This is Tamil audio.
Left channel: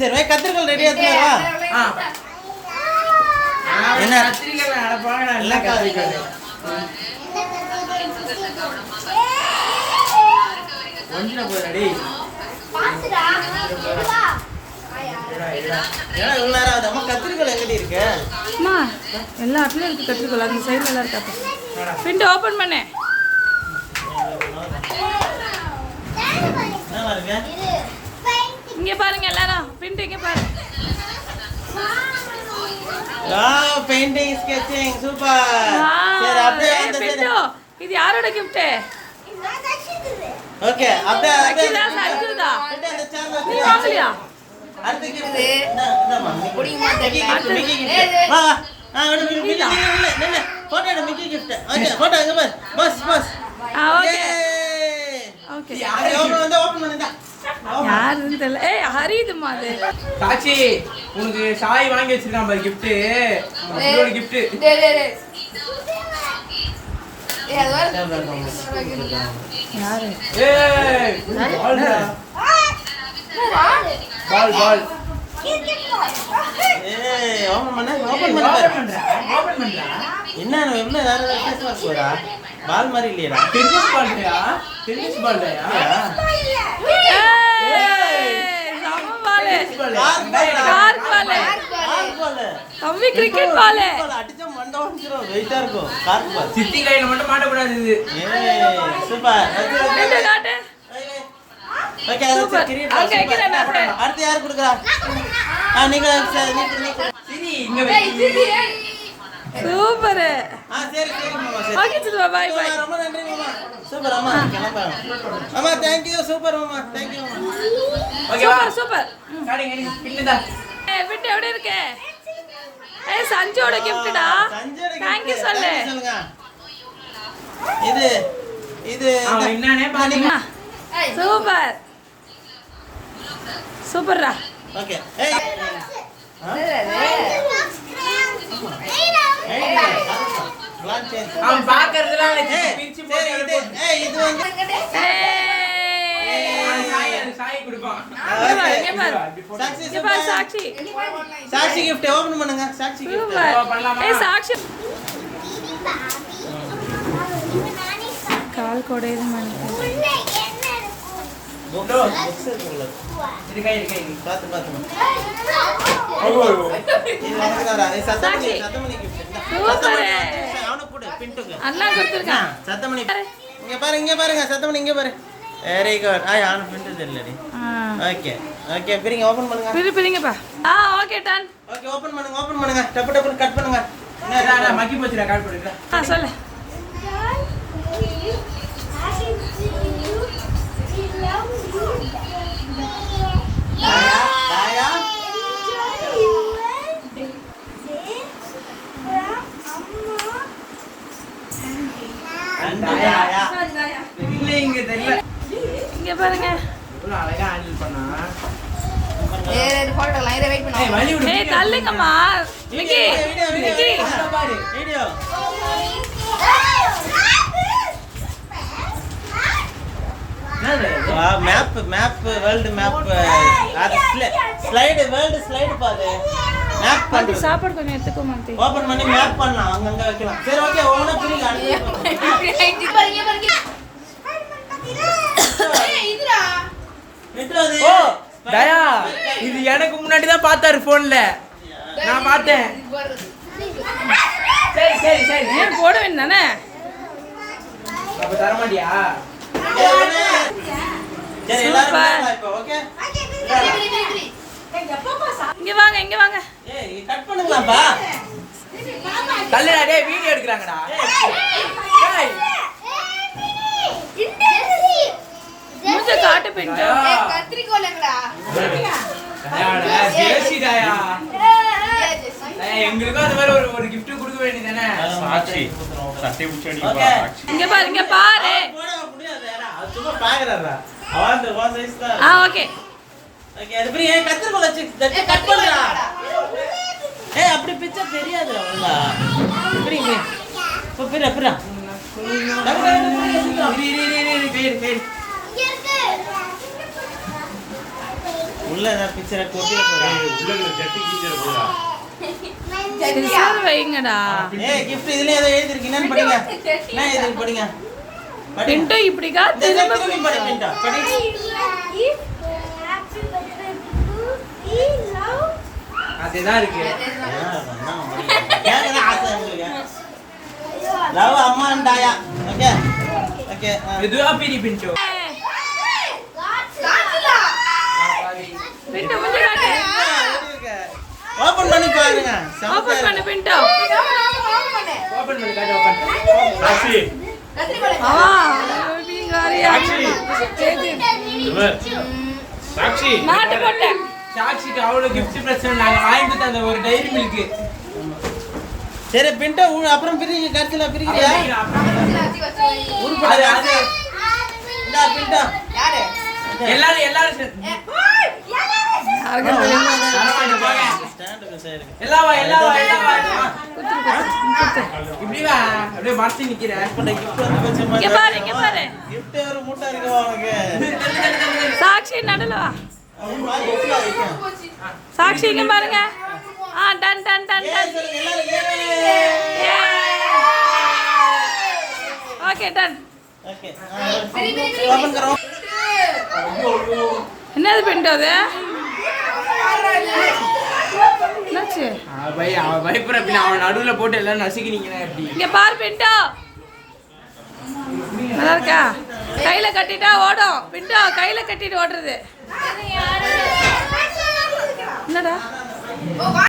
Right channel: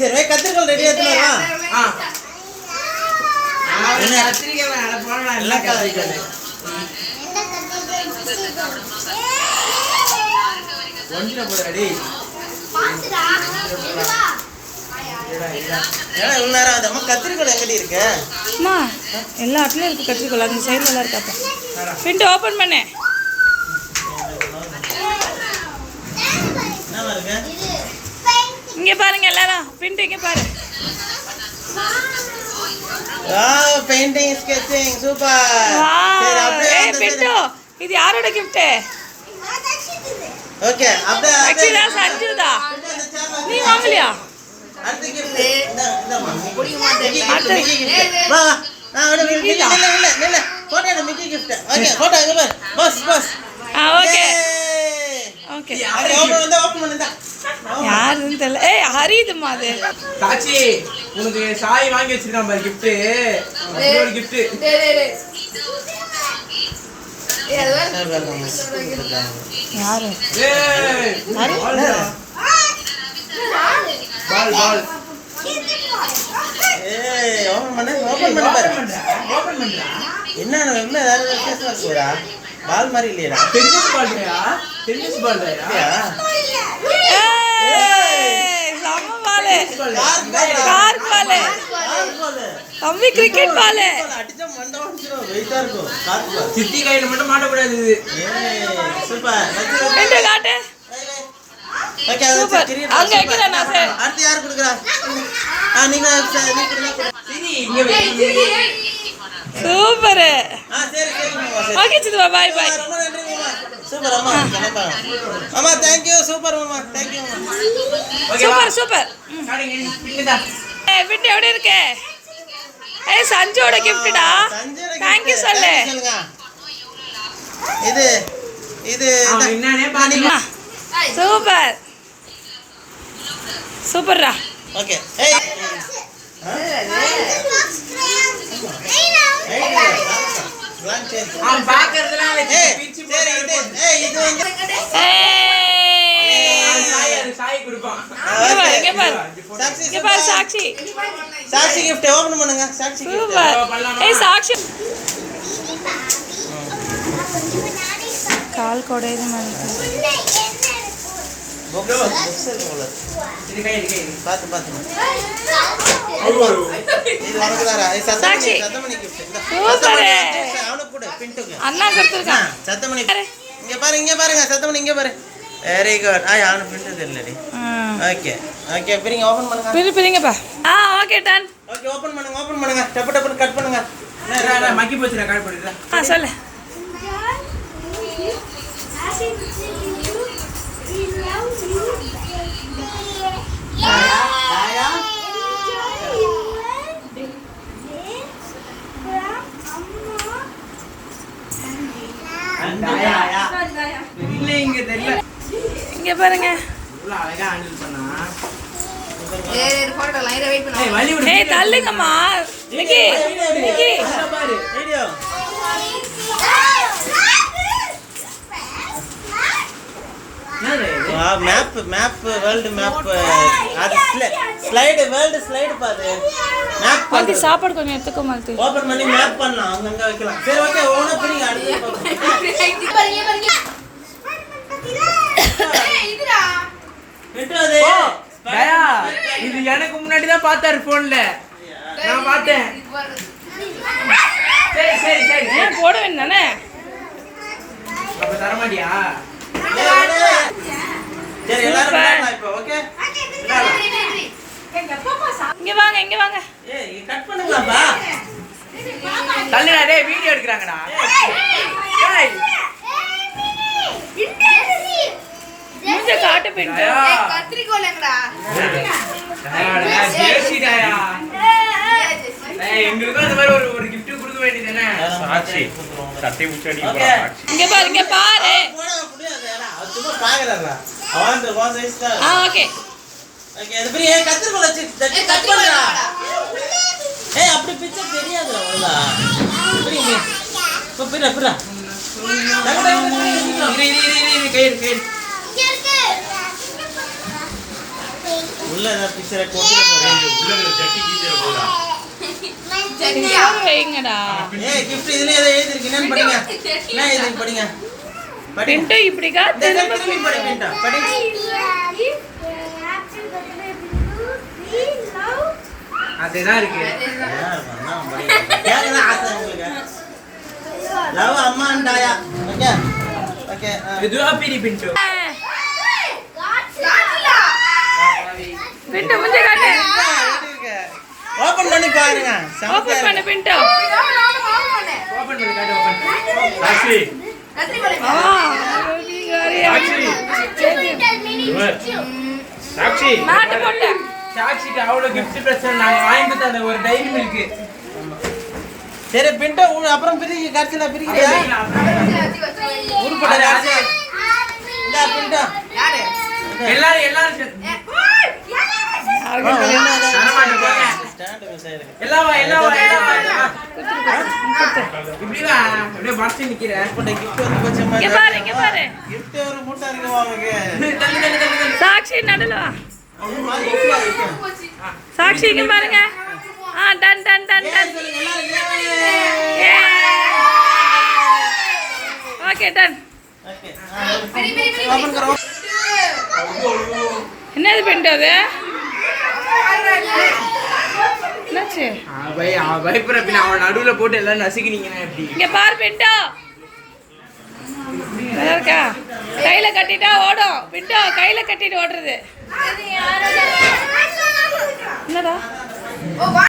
சரி கத்திரிக்கோல் ரெடியா எடுத்துறா. என்ன கத்திரிக்கோல் அட போங்கடா எல்லாம் கத்திரிக்கோல். ஒன்றில போறடி. பாத்துடா. இதுவா. ஏன்னா இவ்வளவு நேரம் ஆகுது. அம்மா கத்திரிக்கோல் எங்கடி இருக்கு? அம்மா எல்லா இடத்துலயும் இருக்கு கத்திரிக்கோல். அந்த சைடுல எல்லாம் இருக்காப்பா. பிண்ட் ஓபன் பண்ணு. என்ன இருக்கு? இங்க பாருங்க எல்லாரும். பிண்ட் இங்க பாரு. Wow painting sketching super. சரி அப்படியே ஏய் பிண்டு இது யாரோட gift? ஓகே அப்படியே அக்ஷிதா சஞ்சுதா. நீ வாங்கலையா? அடுத்த gift இந்தமா அடுத்து வா வா இல்ல போட்டோ எடு மிக்கி gift. ஓகே போட்டோ இங்க பாரு. Bus okay okay. அது ஓபன் பண்ணுடா. யாருன்னு தெரியல. ஏய் ஹரிதுமா அது. சாச்சி உனக்கு சாய் வாங்கி வச்சிருக்கான் பாரு gift. இன்னொரு gift. யாரு? ஏய் பால் ஏய் ஓபன் பண்ணு என்ன இவ்வளவு வேற வித்தியாசமா இருக்குடா. பால் மாதிரி இல்லையடா. டென்னிஸ் பால்டா ஏய் சம பால். கார் பால். தம்பி கிரிக்கெட் பால். அடிச்சா மண்டை வந்துரும். வெயிட்டா இருக்கும். பாத்து சித்தி கையில மட்டும் மாட்ட கூடாது இது. ஏய் சூப்பர். பிண்டு காட்டு. ஓகே அது சரி. அங்க வைக்கிறேன் நான் சார். அடுத்து யார் குடுக்குறா? நீங்க நீ சரி இங்க வை. சூப்பர். சரி மாமா சரி. ஓகே சித்துவா பை பை. ரொம்ப நன்றி மாமா. சூப்பர் அம்மா கிளம்பலாம். அம்மா थैंक यू சூப்பர் மாமா. थैंक you மாமா. சூப்பர். சாடிங்க கிட்டடா. ஏய் பிண்டு எப்படி இருக்கு? ஏய் சஞ்சோட giftடா. थैंक you சொல்லு. இது என்னனே பாருங்க. சூப்பர் சூப்பர்ரா. ஓகே ஏய் லாங் சேஞ்ச் அவன் பாக்குறதுல சரி இது வந்து சாய் கொடுப்பான். இங்க பாரு இங்க பாரு சாக்ஷி. சாக்ஷி gift ஓபன் பண்ணுங்க. Sakshi gift super. ஏய் சாக்ஷி கால் கொடையது மனசு. புக்ஸ் இருக்குல. இருக்கை பாத்து இது உனக்கு தாரா. சத்தமணி gift. சூப்பர். அவனுக்கு கொடு பின்ட்டுக்கு. அண்ணா கொடுத்திருக்கான். சத்தமணி இங்க பாருங்க சத்தமணி இங்க பாரு. Very good. அவனுக்கு பின்ட்டு தெரியலடி. ஓகே பிரிங்க ஓபன் பண்ணுங்க. பிரிங்கப்பா. Okay done. ஓகே ஓபன் பண்ணுங்க. டப்பு கட் பண்ணுங்க. மக்கி போச்சுடா கால் போடுடா. சொல்லு. தாயா இங்க தெரியல. இங்க பாருங்க. இவ்வளவு அழகா ஹேண்டில் பண்ணா. போட்டோ லைன் வெயிட் பண்ணு. ஏய் வலி விடு. ஏய் தள்ளுங்கம்மா. மிக்கி பாரு வீடியோ. என்னது? வா மேப் வேர்ல்ட் மேப். அது ஸ்லைடு வேர்ல்ட் ஸ்லைடு பாரு. மேப் வந்து சாப்பாடு கொஞ்சம் எடுத்துக்கோ மாத்தி. ஓபன் பண்ணி மேப் பண்ணலாம். அங்க வைக்கலாம். சரி ஓகே ஓனா பிரிங்க அடுத்து பாப்போம். இதுடா. விட்டுறது. தயா இது எனக்கு முன்னாடி தான் பார்த்தாரு போன்ல. நான் பார்த்தேன். சரி ஏன் போட வேண்டானே? அப்ப தர மாட்டியா? சரி எல்லாரும் வரலாம் இப்போ ஓகே. இங்க வாங்க. ஏய் கட் பண்ணுங்கப்பா. தள்ளுடா டேய் வீடியோ எடுக்கறாங்கடா. டேய் மூஞ்ச காட்டு பிண்டு. கத்திரிக்கோல் எங்கடா? ஜேசி தயா. டேய் எங்களுக்கு அந்த மாதிரி ஒரு gift கொடுக்க வேண்டியதானே. சாட்சி சட்டை முச்சடி ஓகே இங்க பாரு. போட முடியாது யாரா. அது சும்மா பாக்குறடா. அவன் வான் சைஸ் தான். ஓகே. ஓகே அது பிரி கத்திரிக்கோல் வச்சு கட் பண்ணுடா. ஏய் அப்படி பிச்சை தெரியாது அவ்வளவுதான். பிரி இப்போ பிரி. இரு கை இங்க இருக்கு. உள்ள ஏதாவது பிக்சரை கொட்டிட போறேன். உள்ள ஜட்டி கீஞ்சிர போதா ஜட்டியா வைங்கடா. gift இதுல ஏதோ எழுதிருக்கு. என்னன்னு படிங்க. என்ன எழுதிருக்கு படிங்க. படி. பின்ட்டு இப்படிக்கா திரும்ப திரும்பி படி பின்டா. படி. அதுதான் இருக்கு. கேக்குதா ஆசை உங்களுக்கு? லவ் அம்மா அண்ட் ஆயா. ஓகே. ஓகே. இதுவா பிரி பின்ட்டு. காட்சிலா பின்ட்டு முஞ்ச காட்டு. ஓபன் பண்ணி பாருங்க. ஓபன் பண்ணு பின்ட்டு. ஓபன் பண்ணி காட்டு ஓபன். சாக்ஷி கத்திரிக்கோலை ஆ நீங்காரியா. சாக்ஷி மாட்டு போட்ட. சாக்ஷிக்கு அவ்வளவு gift பிரச்சனை நாங்க வாங்கி தந்த ஒரு டைரி மில்க். சரி பின்டோ அப்புறம் பிரிக்க கடைசில பிரிக்கிறியா? உருப்பட யாரு? இந்த பின்டோ. யாரு எல்லாரும் எல்லாம் வா எல்லாம் வா இப்படி வா அப்படியே மாத்தி நிக்கிற. gift வந்து கொஞ்சம் இங்க பாரு இங்க பாரு. gift ஒரு மூட்டை இருக்கு உனக்கு. சாக்ஷி நடுல வா. அது மாதிரி gift ஆ இருக்கு. சாக்ஷி இங்க பாருங்க. ஆ டன் டன் டன் டன். சொல்லுங்க எல்லாரும் ஏ ஓகே டன். ஓகே. ஓபன் கரோ. என்னது பின்ட்டு அது? என்னாச்சு? அவன் பயப்படுற பின்ன அவன் நடுவுல போட்டு எல்லாம் நசுக்கினீங்கன்னா எப்படி? இங்க பாரு பின்ட்டு. நல்லா இருக்கா? கையில கட்டிட்டா ஓடும். பின்ட்டு கையில கட்டிட்டு ஓடுறது. என்னடா?